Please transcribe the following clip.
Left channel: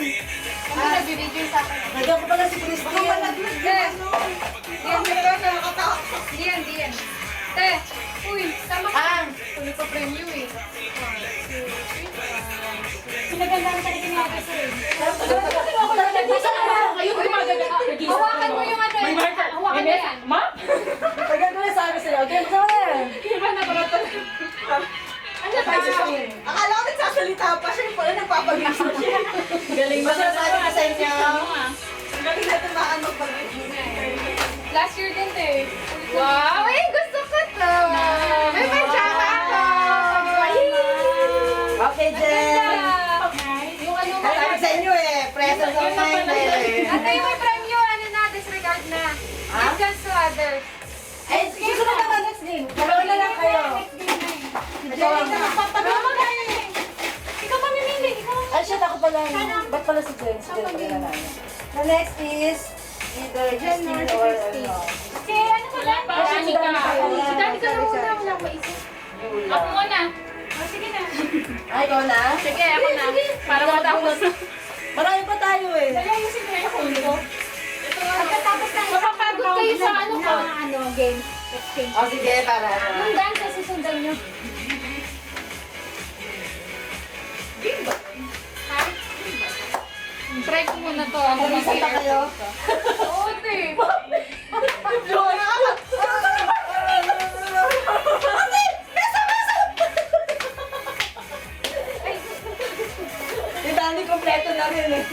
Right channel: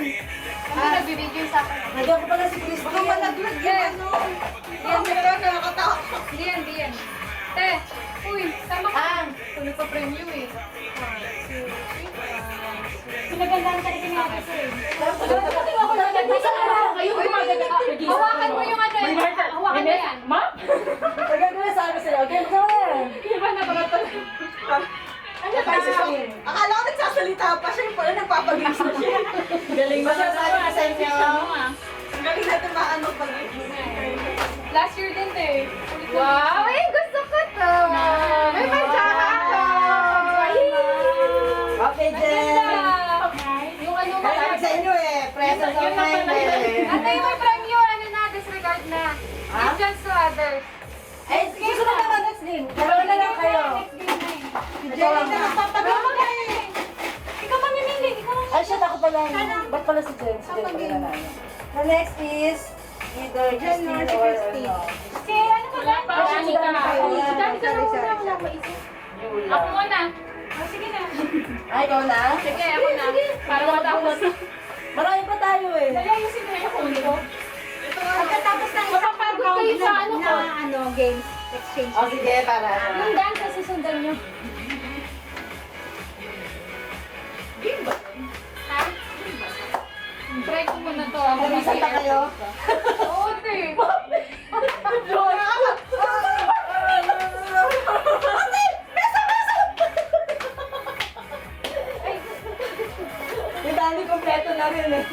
yun. Kami nagbibigay sa akin. Nagyan ko pala si Christy. Diyan. Te, uy, tama ka. Tuloy pa premium eh. Pinagandaan ka rin ni Ate Sir. Hawakan mo yung ano eh. Hawakan mo yan. Nagyan ko na sabi sila. Okay, masama na yan. Iba na ba ito? Ano ba siya? Akala ko nagsasalita pa siya, yung pala nagpapagis na siya. Galing mo siya sabi ko sa inyo. Ang galing natin maano pag Last year din eh. Wow, eh, gusto ko to. May pajama ako. Okay, Jen. Yung ano mo. Sabi sa inyo eh. Present online eh. Ate, yung may premium, ano na, disregard na. Give just to others. Eh, gusto na naman next game. Dalawa na lang kayo. Jenny, magpapagawa ka eh. Ikaw mamimili. Ay, shit, ako pala. Ba't pala si Jen? Si Jen pala na. The next is either Christine or ano. Si ano ba yan? Si Dani ka Si Dani ka Sorry, muna. sorry. Wala ko isip. Ako muna. Oh, sige na. Ay, ikaw na? Sige, ako na. Para matapos. Marami pa tayo eh. Dali ayusin mo na yung phone ko. Pagkatapos ng mapapagod kayo sa ano ko. Ano, game. Exchange. O sige, para. Yung dance na susundan nyo. Try ko muna to. Ako Pag-isang pa kayo. Oo, te. Si Dani, kompleto na rin eh.